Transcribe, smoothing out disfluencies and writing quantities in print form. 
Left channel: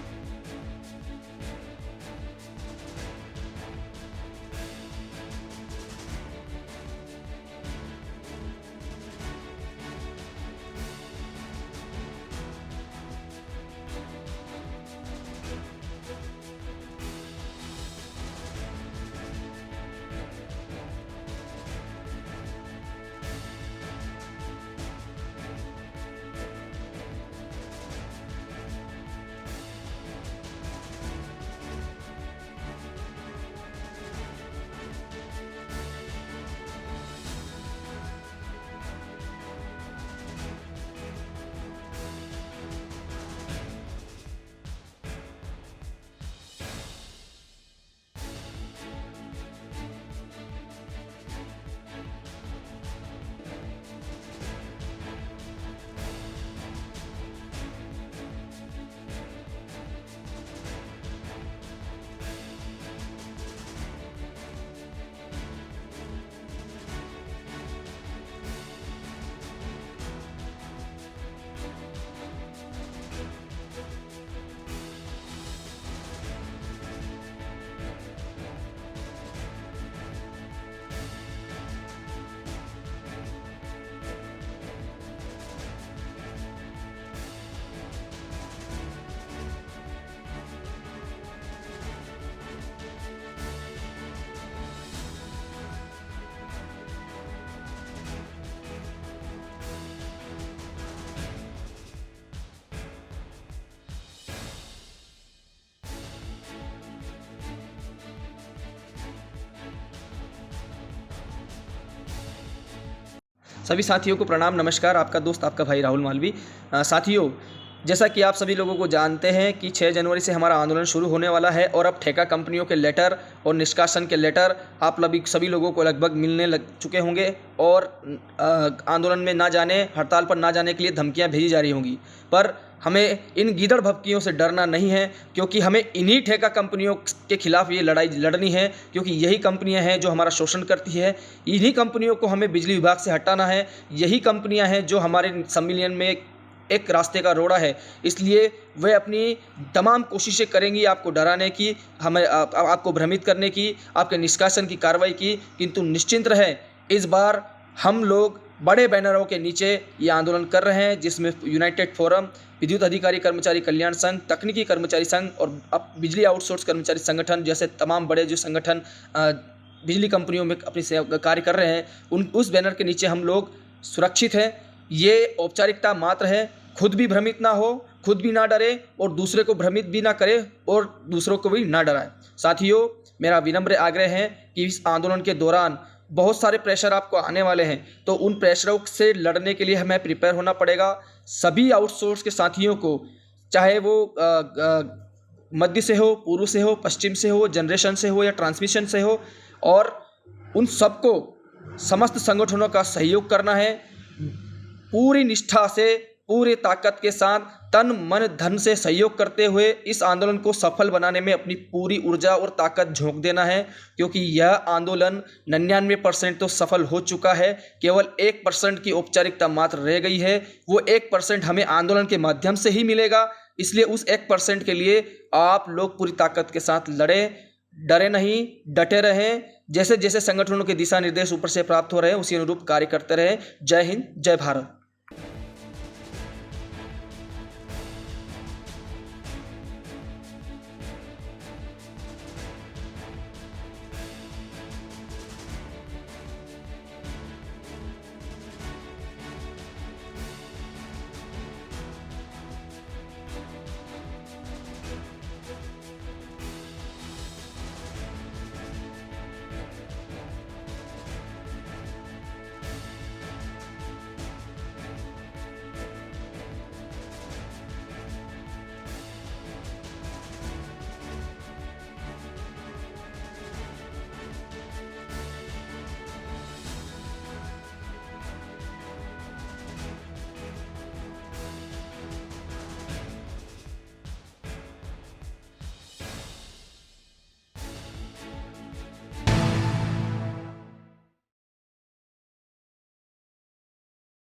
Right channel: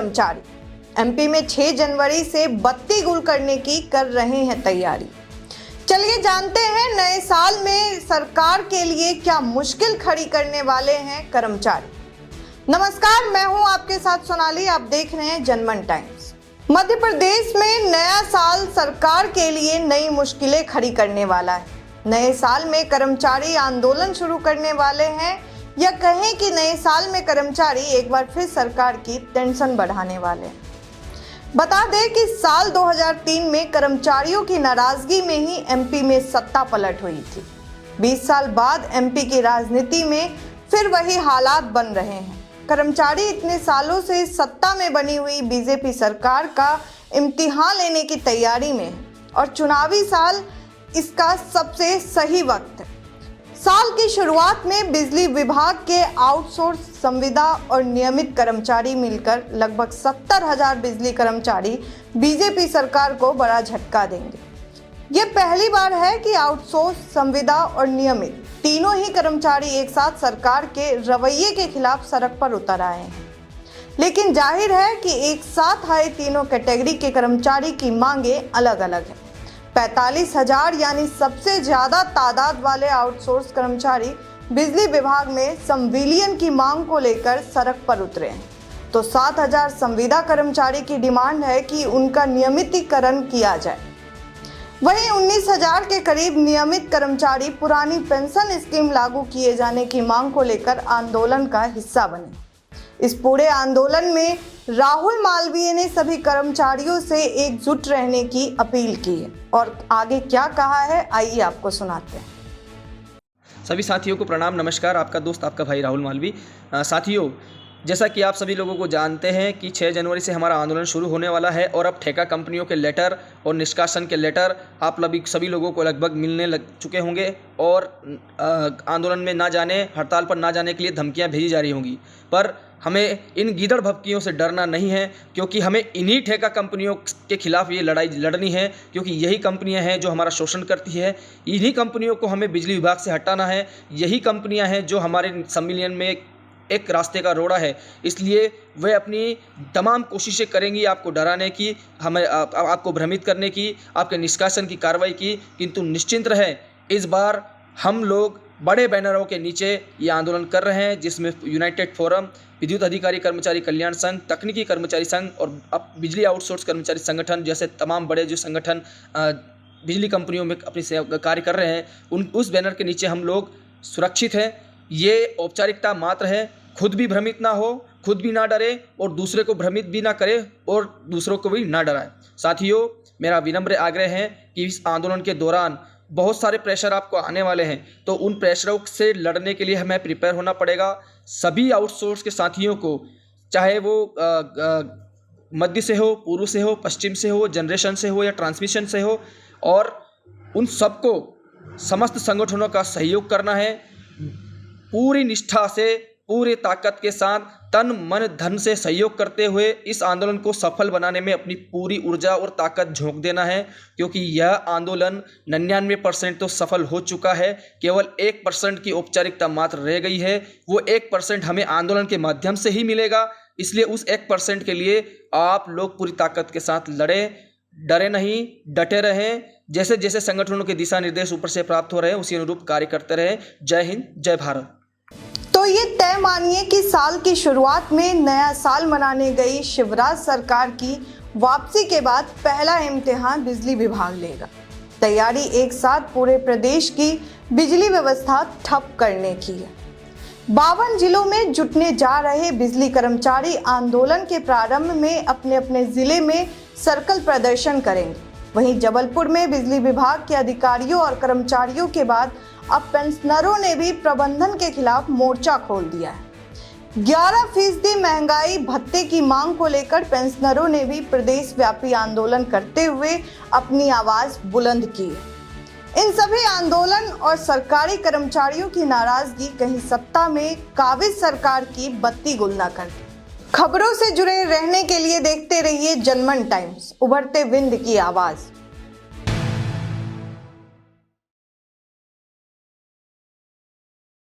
कर्मचारी एमपी में 6 जनवरी से बत्ती गुल करने की कर रहे हैं तैयारी। चलिए जानते हैं नए साल में सरकार के लिए क्या मुश्किल खड़ी करने वाले हैं कर्मचारी। नमस्कार, मैं हूं आपके साथ सोनाली, आप देख रहे हैं जनमन टाइम्स। मध्य प्रदेश में नया साल सरकार के लिए नई मुश्किलें खड़ी करने वाला है। नए साल में कर्मचारी आंदोलन शुरू करने वाले हैं या कहें कि नए साल में कर्मचारी एक बार फिर सरकार की टेंशन बढ़ाने वाले हैं। बता दें कि साल 2003 में कर्मचारियों की नाराजगी में ही एमपी में सत्ता पलट हुई थी। 20 साल बाद एमपी की राजनीति में फिर वही हालात बन रहे हैं। कर्मचारी इतने सालों से सत्ता में बनी हुई बीजेपी सरकार का इम्तिहान लेने की तैयारी में है और चुनावी साल इसका सबसे सही वक्त है। साल की शुरुआत में बिजली विभाग के आउटसोर्स संविदा और नियमित कर्मचारी मिलकर लगभग 70,000 बिजली कर्मचारी बीजेपी सरकार को बड़ा झटका देंगे। ये पहली बार है कि आउटसोर्स, संविदा और नियमित तीनों ही कर्मचारी एक साथ सरकार के रवैये के खिलाफ सड़क पर उतर आए हैं। लेकिन जाहिर है कि एक साथ आए तीनों कैटेगरी के कर्मचारी की मांगे अलग अलग हैं। 45,000 यानी सबसे ज्यादा तादाद वाले आउटसोर्स कर्मचारी बिजली विभाग में संविलियन की मांग को लेकर सड़क पर उतरे हैं, तो 7,000 संविदा कर्मचारी की डिमांड है कि उनका नियमितीकरण किया जाए। वहीं 19,000 के करीब नियमित कर्मचारी पुरानी पेंशन स्कीम लागू किए जाने की मांग को लेकर आंदोलन का हिस्सा बने। इस पूरे आंदोलन में राहुल मालवीय ने सभी कर्मचारियों से एकजुट रहने की अपील की है और आगे क्या कहा है आइए आपको सुनाते हैं। सभी साथियों को प्रणाम, नमस्कार। आपका दोस्त, आपका भाई राहुल मालवी। साथियों, जैसा कि आप सभी लोगों को जानते हैं कि 6 जनवरी से हमारा आंदोलन शुरू होने वाला है और अब ठेका कंपनियों के लेटर और निष्कासन के लेटर आप सभी लोगों को लगभग मिलने लग चुके होंगे और आंदोलन में ना जाने, हड़ताल पर ना जाने के लिए धमकियां भेजी जा रही होंगी। पर हमें इन गीदड़ भभकियों से डरना नहीं है, क्योंकि हमें इन्हीं ठेका कंपनियों के खिलाफ ये लड़ाई लड़नी है, क्योंकि यही कंपनियां हैं जो हमारा शोषण करती है। इन्हीं कंपनियों को हमें बिजली विभाग से हटाना है। यही कंपनियां हैं जो हमारे संविलियन में एक रास्ते का रोड़ा है। इसलिए वे अपनी तमाम कोशिशें करेंगी आपको डराने की, हमें आपको भ्रमित करने की, आपके निष्कासन की कार्रवाई की। किंतु निश्चिंत रहें, इस बार हम लोग बड़े बैनरों के नीचे ये आंदोलन कर रहे हैं, जिसमें यूनाइटेड फोरम, विद्युत अधिकारी कर्मचारी कल्याण संघ, तकनीकी कर्मचारी संघ और अब बिजली आउटसोर्स कर्मचारी संगठन जैसे तमाम बड़े जो संगठन बिजली कंपनियों में अपनी कार्य कर रहे हैं, उस बैनर के नीचे हम लोग सुरक्षित हैं। ये औपचारिकता मात्र है। खुद भी भ्रमित ना हो, खुद भी ना डरे और दूसरे को भ्रमित भी ना करे और दूसरों को भी ना डराए। साथियों, मेरा विनम्र आग्रह है कि इस आंदोलन के दौरान बहुत सारे प्रेशर आपको आने वाले हैं, तो उन प्रेशरों से लड़ने के लिए हमें प्रिपेयर होना पड़ेगा। सभी आउटसोर्स के साथियों को, चाहे वो मध्य से हो, पूर्व से हो, पश्चिम से हो, जनरेशन से हो या ट्रांसमिशन से हो, और उन सबको समस्त संगठनों का सहयोग करना है। पूरी निष्ठा से, पूरी ताकत के साथ, तन मन धन से सहयोग करते हुए इस आंदोलन को सफल बनाने में अपनी पूरी ऊर्जा और ताकत झोंक देना है, क्योंकि यह आंदोलन 99% तो सफल हो चुका है। केवल 1% की औपचारिकता मात्र रह गई है। वो 1% हमें आंदोलन के माध्यम से ही मिलेगा। इसलिए उस 1% के लिए आप लोग पूरी ताकत के साथ लड़ें, डरे नहीं, डटे रहें। जैसे जैसे संगठनों के दिशा निर्देश ऊपर से प्राप्त हो रहे हैं, उसी अनुरूप कार्य करते रहें। जय हिंद, जय भारत। तो ये तय मानिए कि साल की शुरुआत में नया साल मनाने गई शिवराज सरकार की वापसी के बाद पहला इम्तिहान बिजली विभाग लेगा। तैयारी एक साथ पूरे प्रदेश की बिजली व्यवस्था ठप करने की है। 52 जिलों में जुटने जा रहे बिजली कर्मचारी आंदोलन के प्रारंभ में अपने अपने जिले में सर्कल प्रदर्शन करेंगे। वहीं जबलपुर में बिजली विभाग के अधिकारियों और कर्मचारियों के बाद अब पेंशनरों ने भी प्रबंधन के खिलाफ मोर्चा खोल दिया है। 11% महंगाई भत्ते की मांग को लेकर पेंशनरों ने भी प्रदेश व्यापी आंदोलन करते हुए अपनी आवाज बुलंद की है। इन सभी आंदोलन और सरकारी कर्मचारियों की नाराजगी कहीं सत्ता में काबिज सरकार की बत्ती गुल न कर दे। खबरों से जुड़े रहने के लिए देखते रहिए जनमन टाइम्स, उभरते विंध्य की आवाज।